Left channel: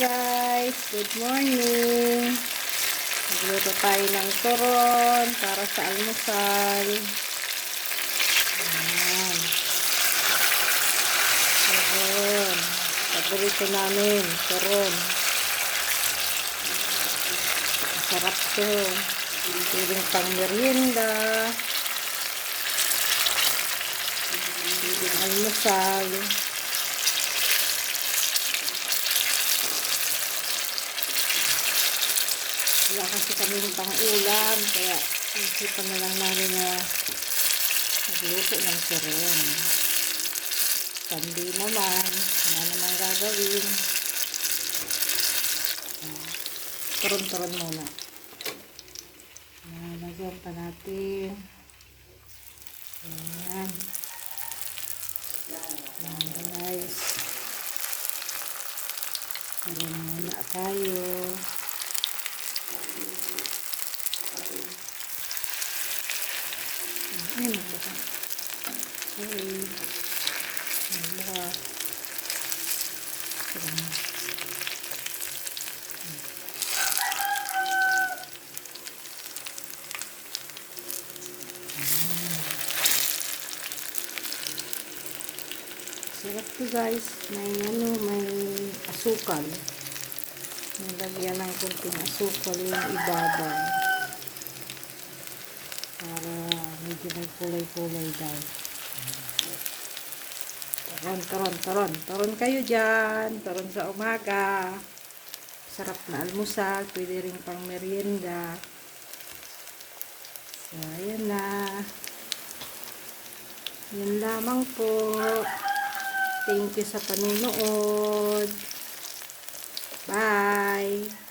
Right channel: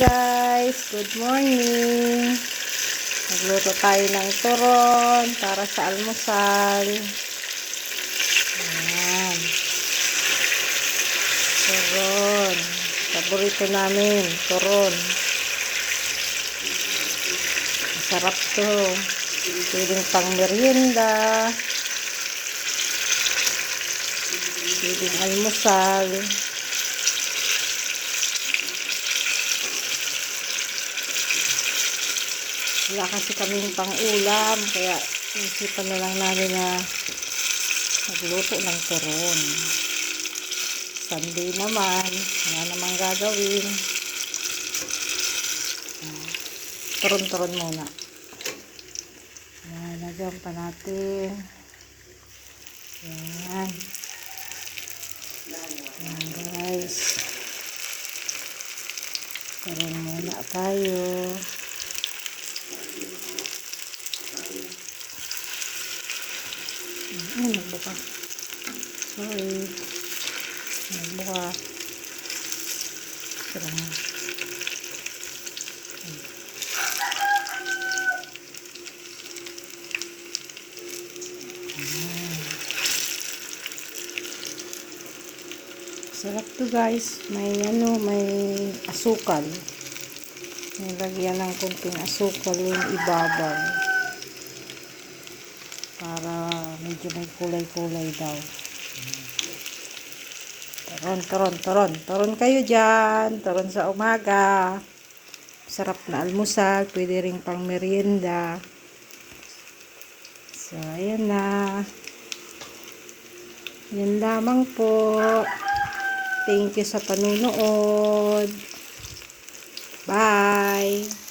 guys, good morning. Nagluto tayo ng turon para sa almusal. Ayan. Turon. Paborito namin, turon. Masarap to. Pwedeng pang merienda. Pwedeng almusal. Wala kasi kaming pang ulam, kaya isipan na lang namin na magluto ng turon. Sunday naman, wala namang gagawin. Turon-turon muna. Nalagyan pa natin. Ayan. Ayan guys. Turon muna tayo. Ay, nagbuka. Sorry. Nagbuka. Tara na. Sarap to guys. May ano, may asukal. Nilagyan ng kunting asukal yung ibabaw para medyo may kulay-kulay daw. Taron, taron, taron. Taron kayo dyan. Taron sa umaga. Sarap na almusal. Pwede rin pang merienda. So, ayan na. Yan lamang po. Thank you sa panunood. Bye!